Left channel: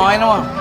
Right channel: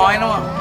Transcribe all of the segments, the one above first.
หอยนะ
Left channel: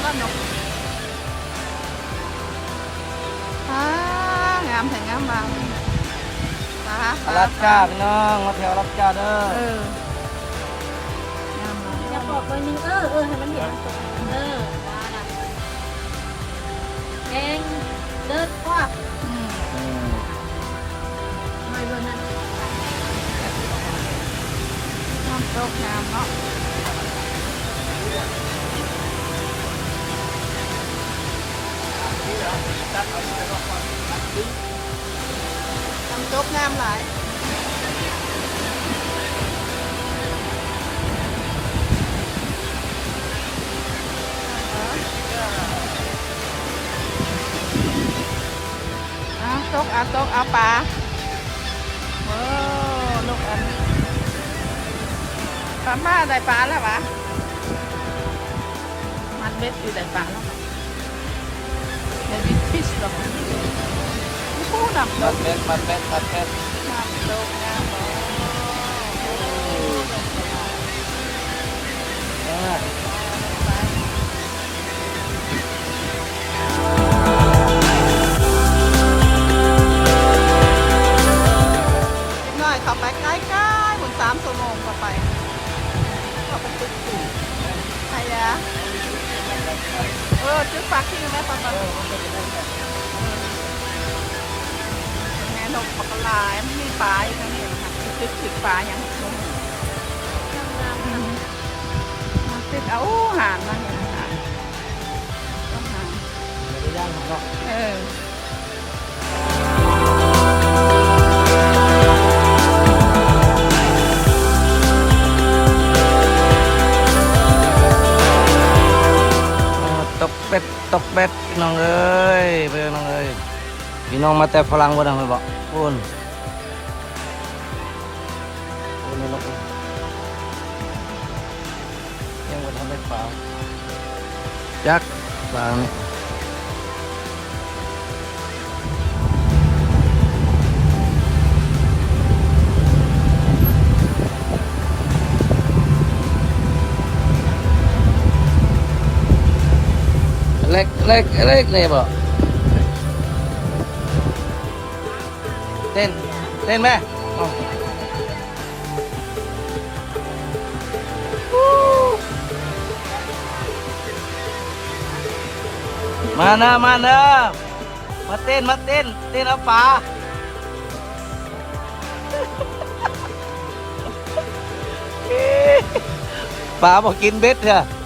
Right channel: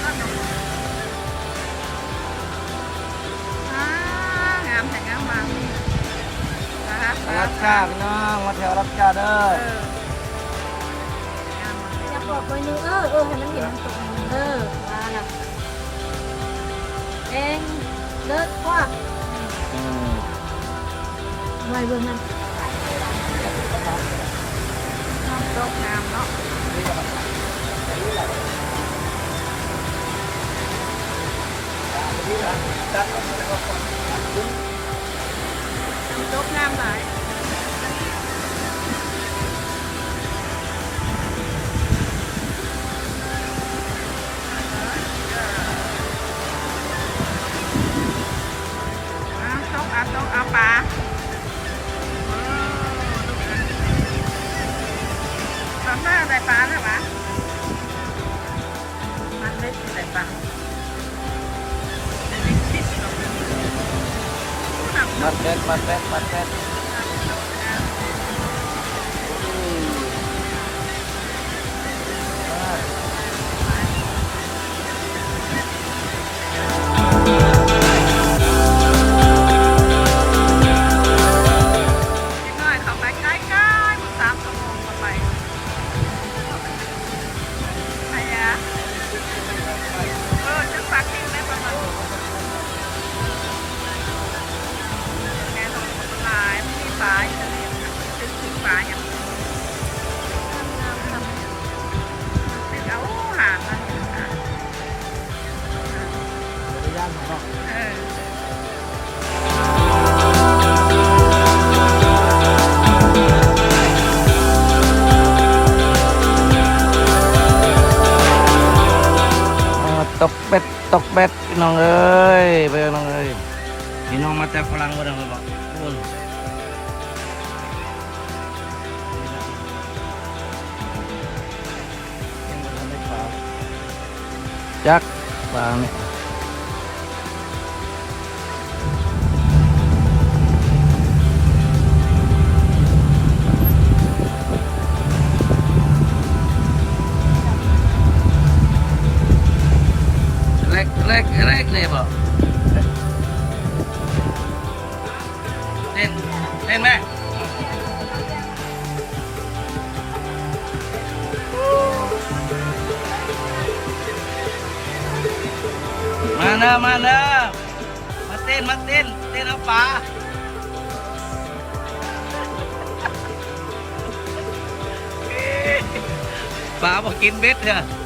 เป็นบ้านนกอ่างามแห่งงามมากนะคะรับจ้าพี่น้องมาแถวรับจ้าเด้อเอองามมากอยากบอกว่านึงเออตัวให้มันเห็นเออเองเลิศควักอืมไม่รู้นะน้ำตกงามเนาะ ม่คือแต่ปังได้ดิชิสหรอกผู้นำมัดเป็ดมัดเป็ดมัดเป็ด ตกเป็ดตกเป็ดพี่น้องเอ้ยไปพี่น้องเอ้ยพี่น้องมาแต่ฝรั่งบ่ดังเลยบอกพูนยังบ่ทันได้ปลาจักปลาเนี่ย Leg, leg, leg neighbor. Lên, lên mẹ. Mana, mana. Matin, matin. Matin apa? Phá mà kín bếp kìa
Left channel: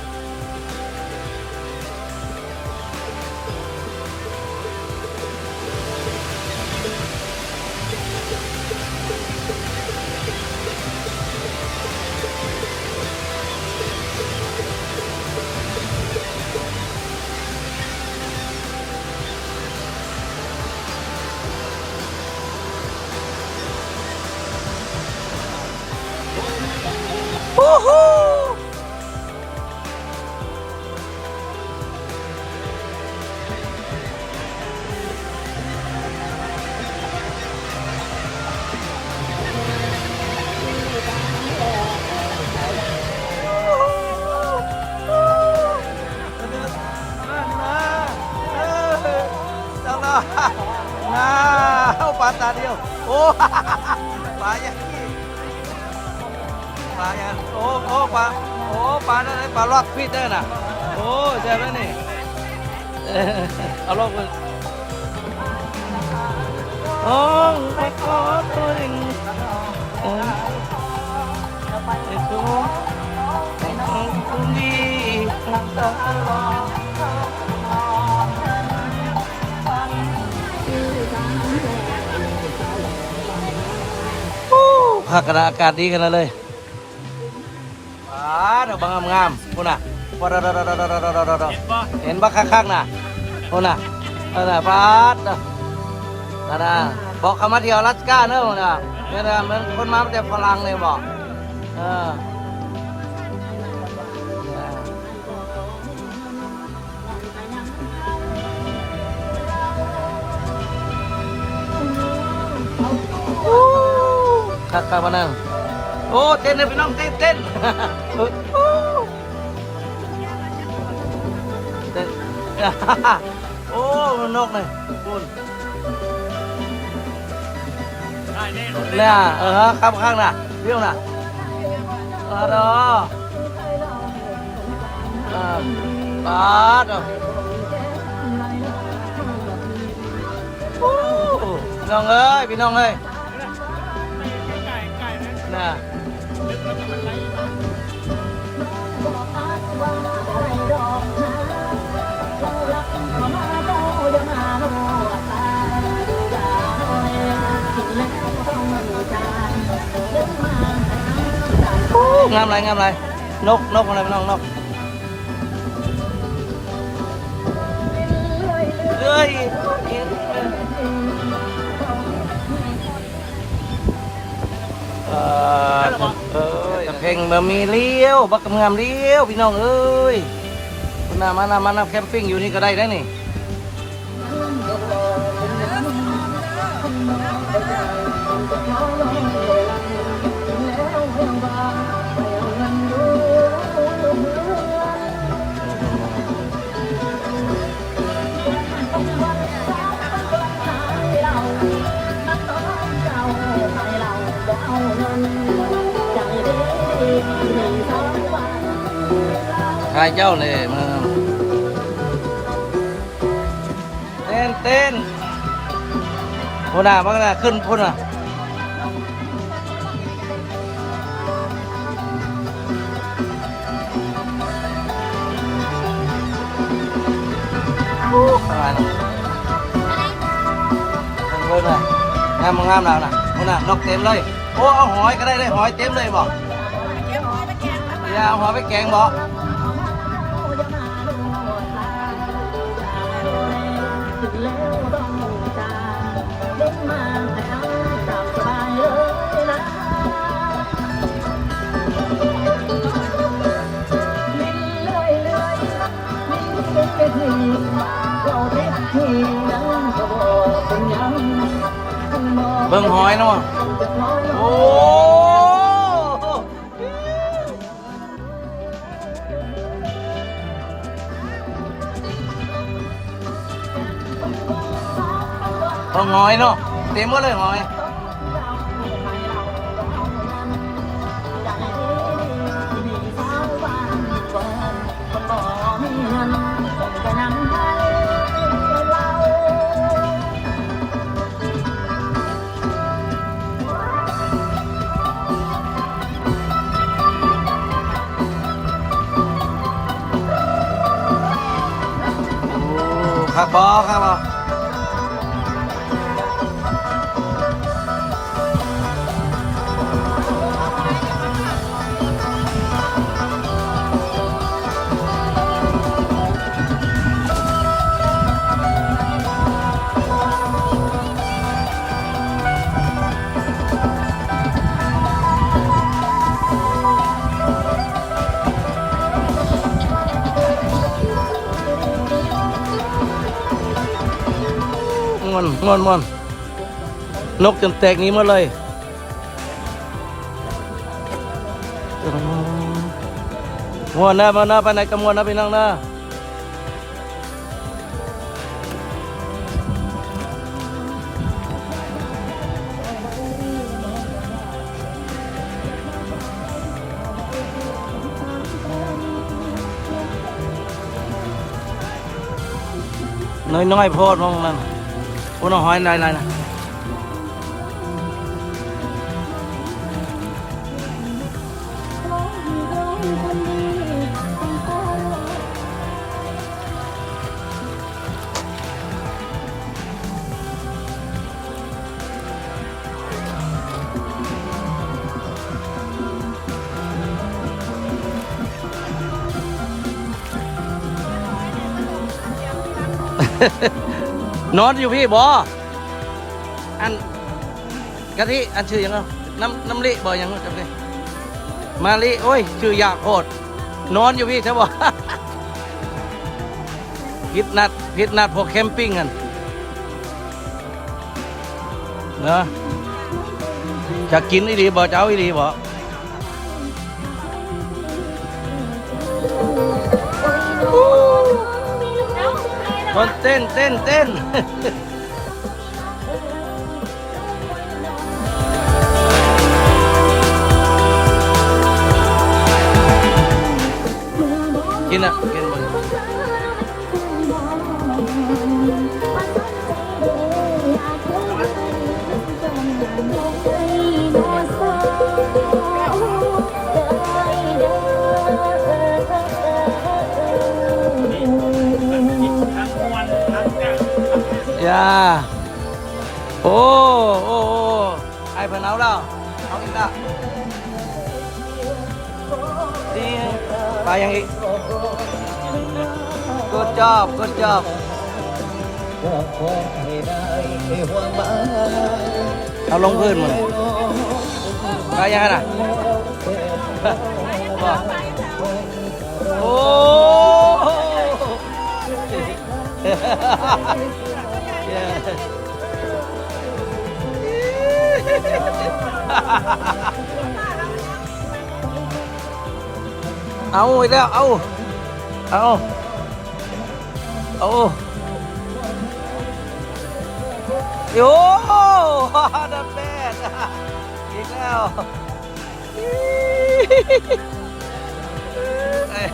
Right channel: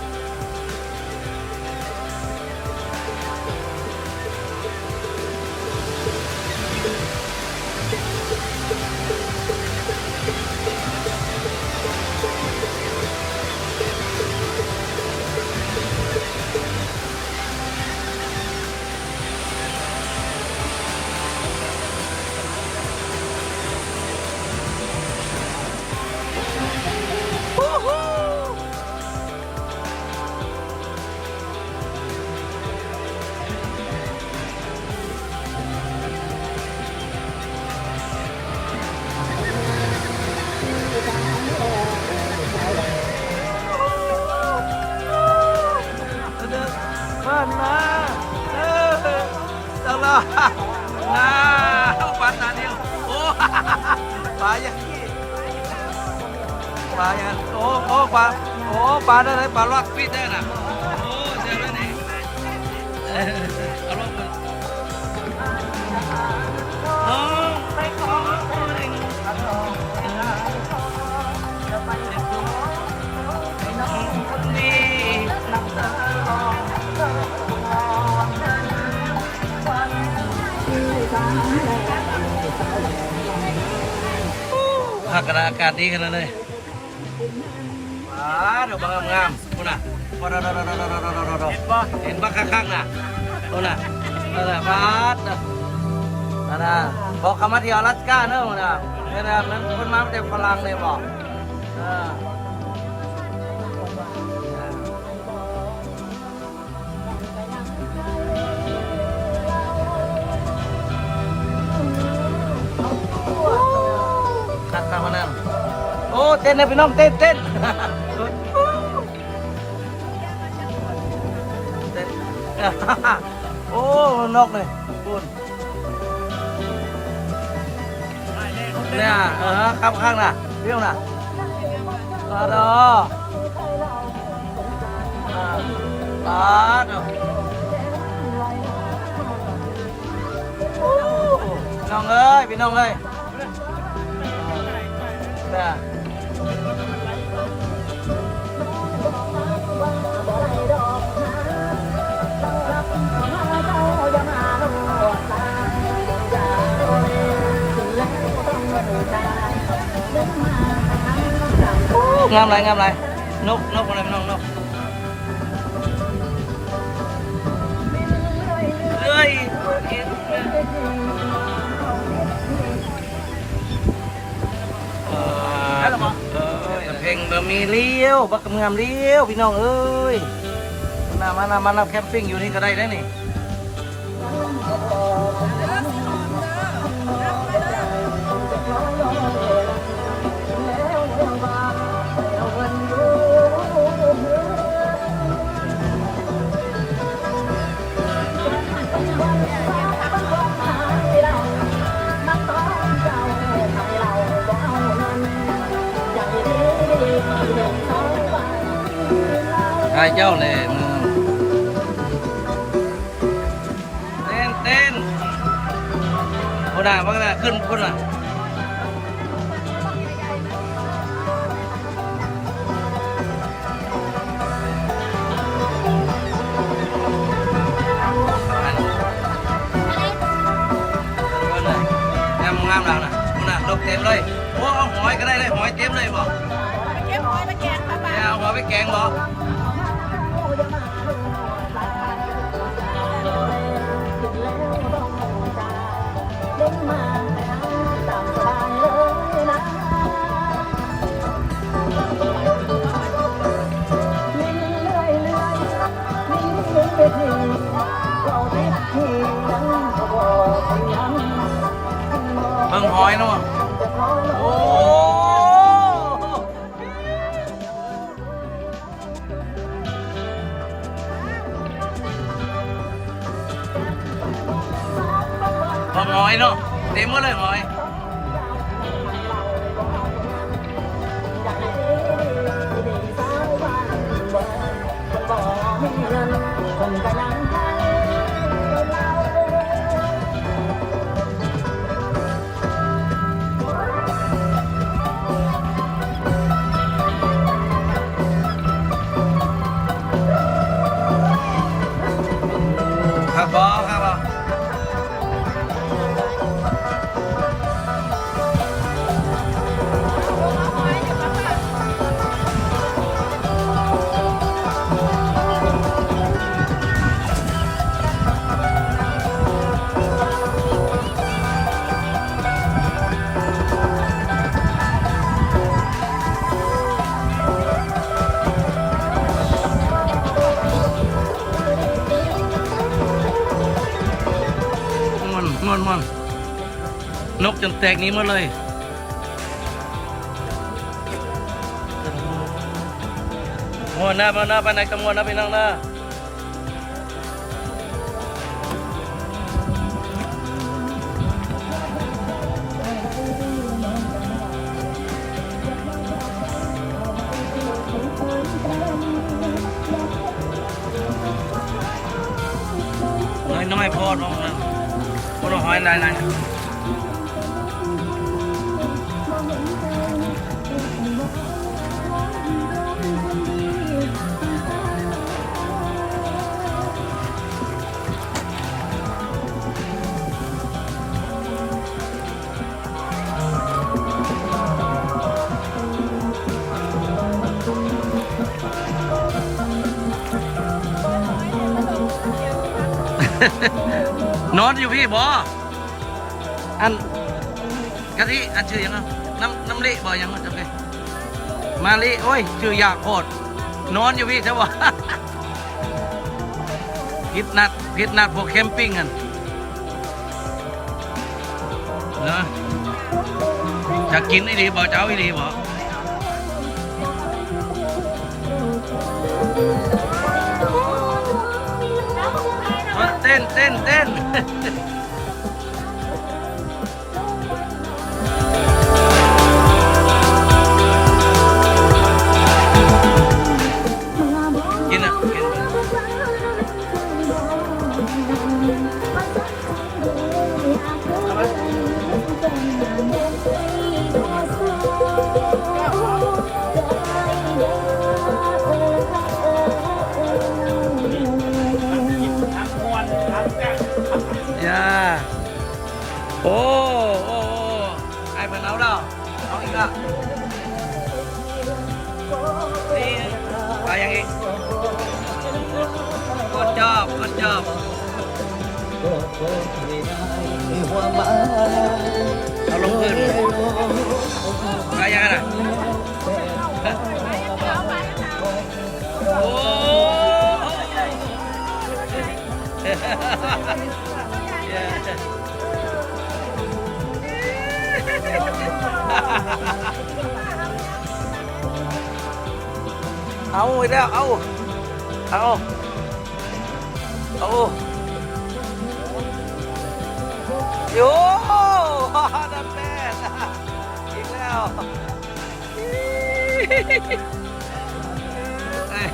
ใช่ไหมนี่เออเอาลงเลยโอ้ไปขอตัวเองเออไปดูไปน้องคนดีน้ำตาลองพักกันอากาศดีกันแล้วเลย ปาดเอาบางงามๆพุ่นน่ะ ปาดๆๆๆๆๆเห็นบักคักๆน่ะพุ่นน่ะนั่นน่ะปาดน่ะนั่นน่ะบอกเขามาเที่ยวรัสก้าเนอะพุ่นน่ะเนี่ยนะมันคนมาแต่ฝรั่งเลยบอกเออคักๆมานั่งโอ้เต้นเลยพี่น้องเต้นเต้น เต้น โอ้มันนกเลยคุณเนี่ยเออข้ามข้างน่ะเรี้ยวน่ะมาดอปาดน้องเอ้ยพี่น้องเอ้ยน่ะ งามไรงามไร นกนกอะไรน้องนกเฮ้ยเพลงมันมีเลี้ยวบักกำงามเลี้ยวพี่น้องเอ้ยมามามามาแคมปิ้งอยู่นี่ก็ได้ได้นี่ใช่เจ้าเลยมึงเต้นเต้นพูดน่ะพักน่ะขึ้นพูดน่ะเบิร์น่ะงามงามแล้วน่ะพูดน่ะนกเต็มเลย โอ้เอาหอยก็ได้เลยหอยเต็มเลยบอก เก็บหอยมาแกงค่ะ อย่าเอาหอยไปแกงบอก งหอยเนาะโอ้หอยเนาะเต็มหมดเลยหอย คักบอคักบอ ม่วนม่วนม่วนนกจนแตกนี้มดเลยม่วนนะมาหนะไปไหนก็ม่วนนะพี่น้องนะน้อยน้อยๆโพดมองนั่น কোনো হয় নাই নাই না นอนอยู่พี่บออันกะทิอันชื่อยังไงน้ำน้ำลิบอยังไงาจำเลยมาลิโอ้ยชื่อยากโคตรนอนอยู่พี่ใช่บอพิดนัดพิดนัดพวกแคมปิ้งกันเนาะจะกินอีดีบอจะเอาอีดีบอ 10, 10, 10. Yeah. Oh, oh, oh. Ai phải nấu đâu? Nấu đi ta. Và yang đi. Good job, good job. Tao lông hơn rồi. Và yang nè. Oh. เอาอีกแล้วเอาเอาเอาโย่ดับแม่อีกแล้วเอ้ย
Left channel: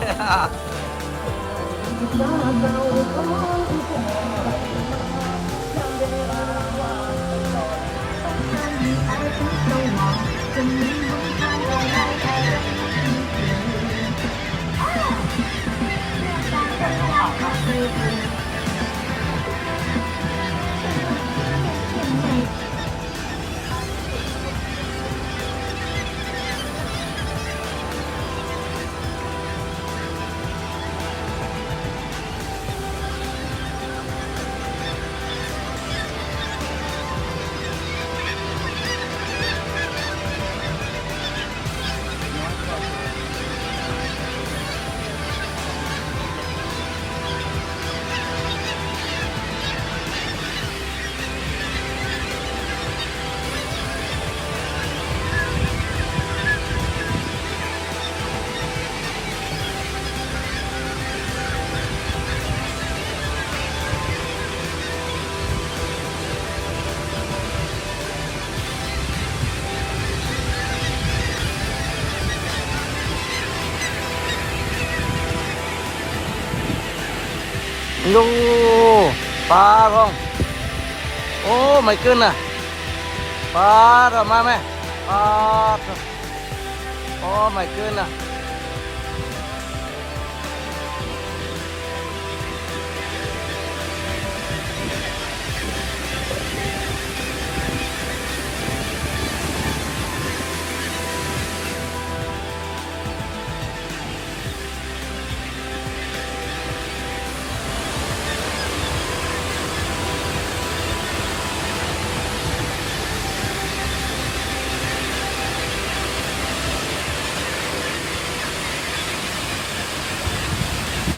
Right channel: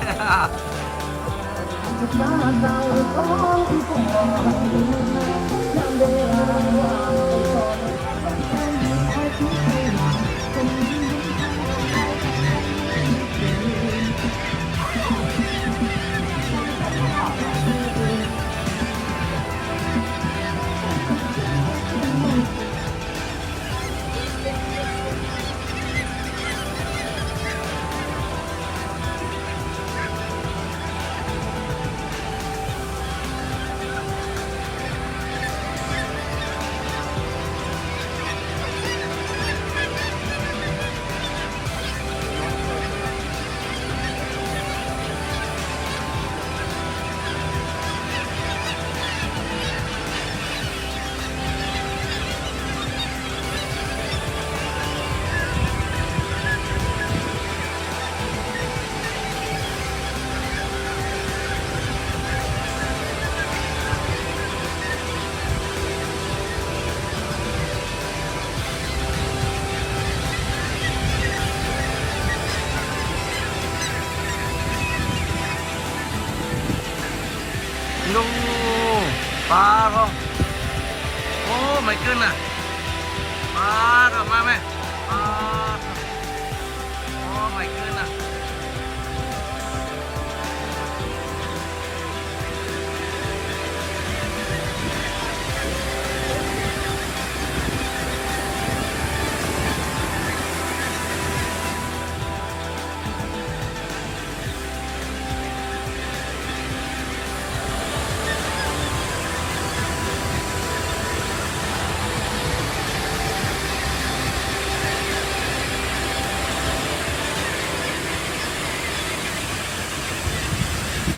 ดูปลาของโอ้ไม่ขึ้นอะปลาออกมาไหมปลาโอ้ไม่ขึ้นอะ